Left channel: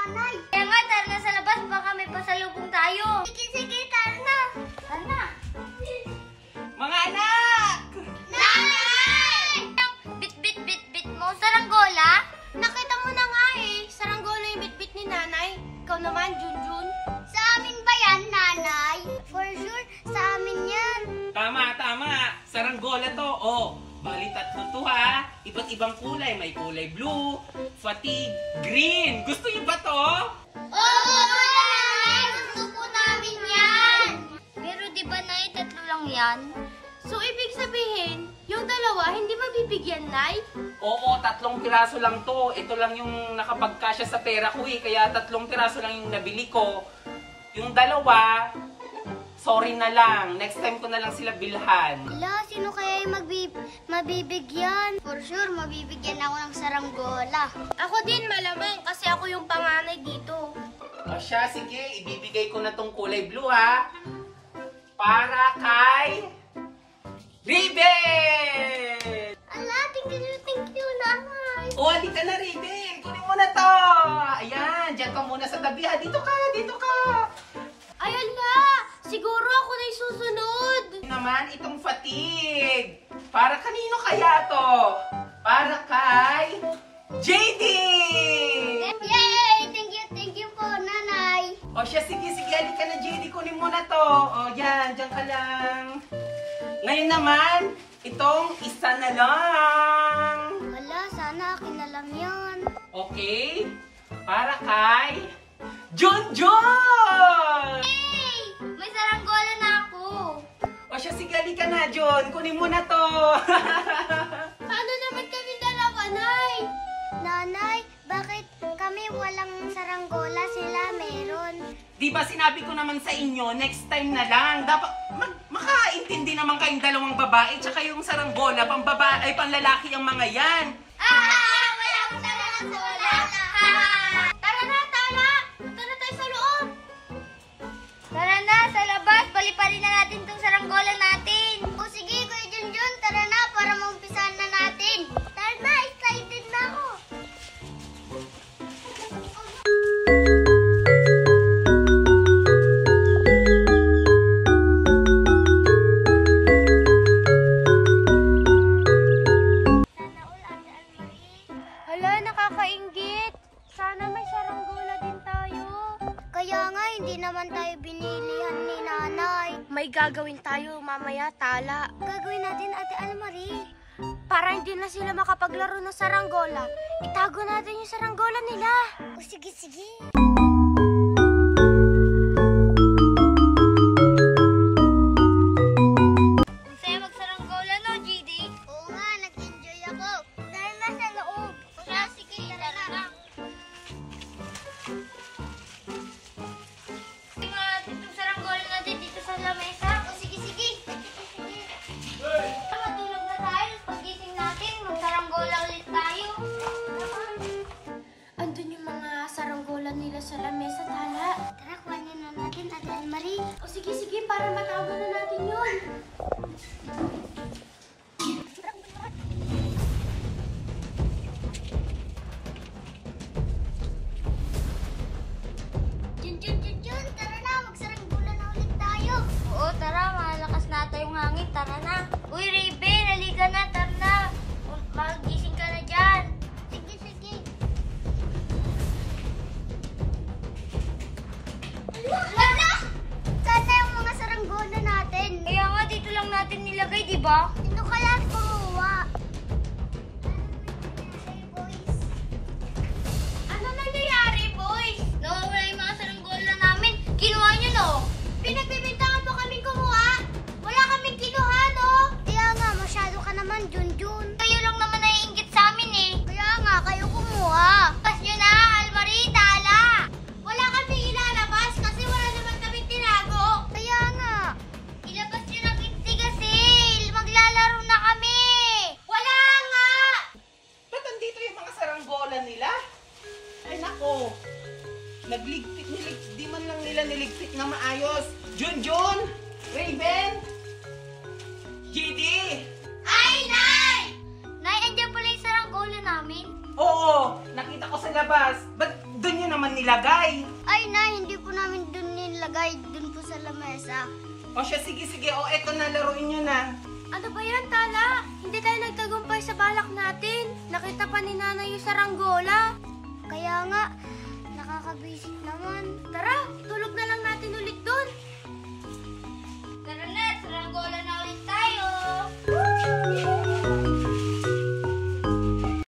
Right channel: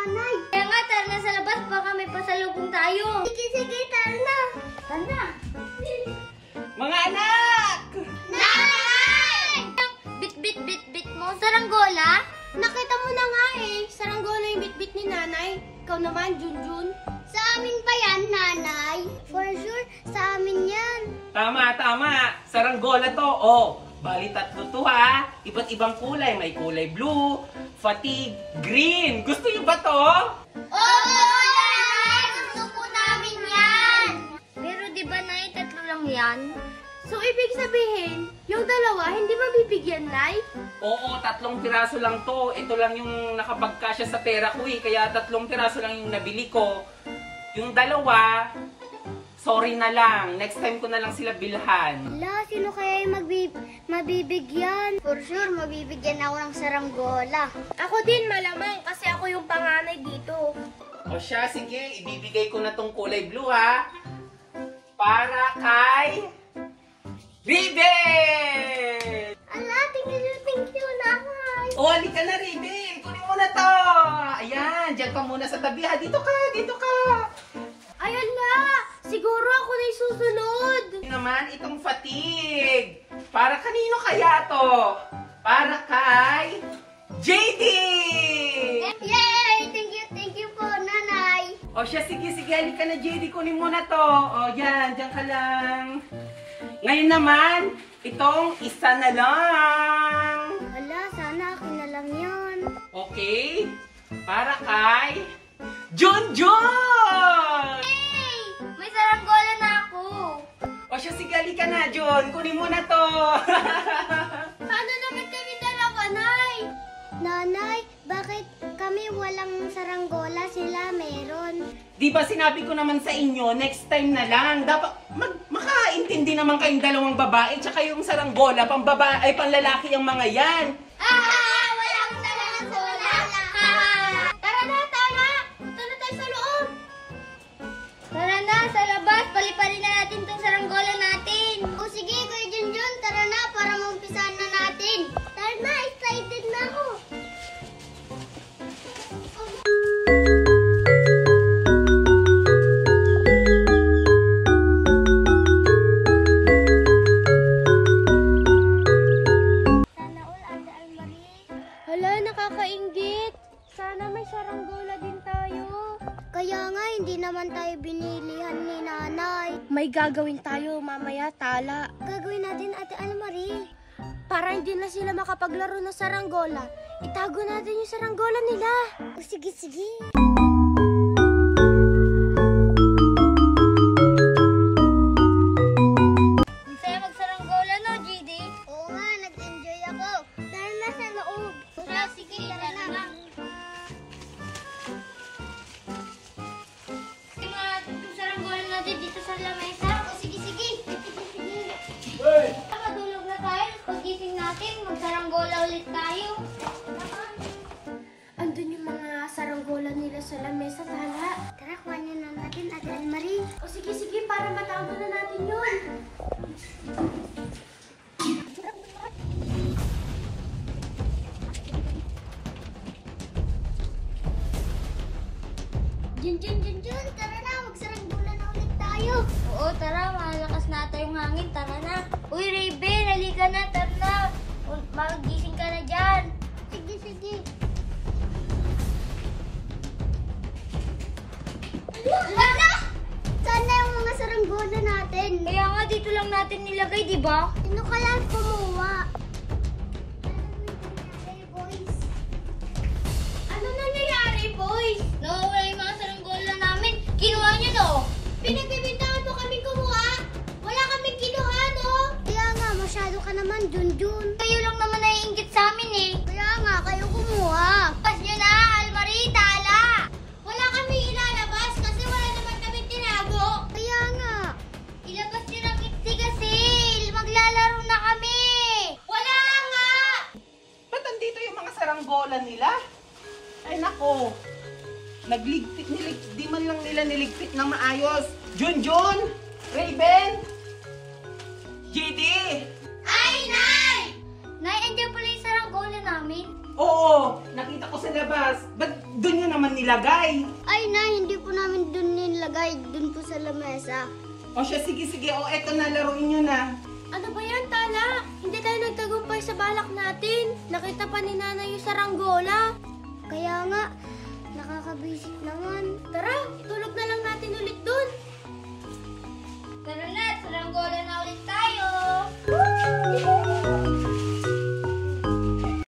nanay. Kaya nga, tara na sa labas, baka may pasalubong tayo. Sige, tara na. Tara na. Mga anak! Nanay! Bit mo, saranggola? Nakita mo na nga eh, saranggola yung bit ni nanay. Ikaw naman, Junjun. Sa amin pa yan, nanay. For sure, sa amin yan. Tama. Saranggola to. Oh, bali tatlo to ha. Iba't ibang kulay. May kulay blue, fatigue, green. Gusto niyo ba to? Oo, nanay! Gusto po namin yan! Pero di ba, nay, tatlo lang yan? So, ibig sabihin, yung dalawa, hindi mabibigyan, nay? Oo, 3 piraso lang to. Ito lang yung nakapagkasya sa pera ko eh. Kaya 3 piraso lang yung nabili ko. Yung dalawa, sorry na lang. Next time ko na lang sila bilhan. Hala, sino kaya yung mabibigyan? For sure, mabibigyan ako ng saranggola. Ako din, malamang, kasi ako yung panganay dito. O siya, sige. Ibibigay ko na tong kulay blue ha. Para kay Ribbon! Ala, thank you, nanay. O, halika na, Ribbon. Kunin mo na to. Ayan, dyan ka muna sa tabi ha. Dito ka. Ayan na, siguro ako na yung susunod. Naman, itong fatigue. Para kanino kaya to? Para kay JD! Yay! Thank you po, nanay. O siya, sige, halika na, JD. Kunin mo na to. O, yan, dyan ka lang. Ngayon naman, itong isa na lang. Wala, sana akin na lang yun. Okay? Para kay Junjun! Hey! May saranggola na ako. O siya, sige, halika na, Jun. Kunin mo na to. Paano naman kami dalawa, nay? Nanay, bakit kami walang saranggola, sila meron? Di ba sinabi ko naman sa inyo, next time na lang. Dapat makaintindi naman kayong dalawang babae tsaka yung saranggola, panlalaki ang mga yan. Wala akong saranggola. Tara na. Punta na tayo sa loob. Tara na, sa labas. Paliparin na natin itong saranggola natin. O sige, Kuya Junjun, tara na para maumpisahan na natin. Tara na, excited na ako. Hala, nakakainggit. Sana may saranggola din tayo. Kaya nga, hindi naman tayo binilihan ni nanay. May gagawin tayo mamaya, tala. Gagawin natin, Ate Almarie. Para hindi na sila makapaglaro ng saranggola, itago natin yung saranggola nila. O sige. Ang saya magsaranggola, no, GD? Oo nga, nag-enjoy ako. Tara na sa loob. Sige, tara na. Yung saranggola natin dito sa lamesa. O sige. Matulog na tayo. Paggising natin, magsaranggola ulit tayo. Andun yung mga saranggola nila sa lamesa, tala. Tara, kuhanin na natin, Ate Almarie. O sige, para matago na natin yun. Junjun, tara na, magsaranggola na ulit tayo. Oo, tara, malakas na tayong hangin, tara na. Uy, Ribbon, halika na, tara na. Magising ka na dyan. Sige. Hala! Saan na yung mga saranggola natin? Kaya nga, dito lang natin nilagay, di ba? Sino kaya kumuha? Ano nangyayari, boys? Nawawala yung mga saranggola namin. Kinuha nyo, no? Pinagbibintangan po kaming kumuha. Wala kaming kinuha, no? Kaya nga, masyado ka naman, Junjun. Kayo lang naman naiinggit sa amin, eh. Kaya nga, kayo kumuha. Pas nyo na, Almarie, tala. Wala kami ilalabas kasi wala naman kaming tinago. Kaya nga. Ilabas nyo ng ittigasil. Maglalaro na kami. Wala nga. Ba't andito yung mga saranggola nila? Ay nako. Di man lang nila niligpit na maayos. Junjun! Ribbon! JD! Ay, Nay! Nay, andiyan pala yung saranggola namin. Oo, nakita ko sa labas. Ba't doon nyo naman nila nilagay? Ay, Nay, hindi po namin dun nilagay. Dun po sa lamesa. O siya, sige. O, eto na, laruin nyo na. Ano ba yan, Tala? Hindi tayo nagtagumpay sa balak natin. Nakita pa ni Nanay yung saranggola. Kaya nga, nakakabisik naman. Tara, itulog na lang natin ulit dun. Tara na, saranggola na ulit tayo.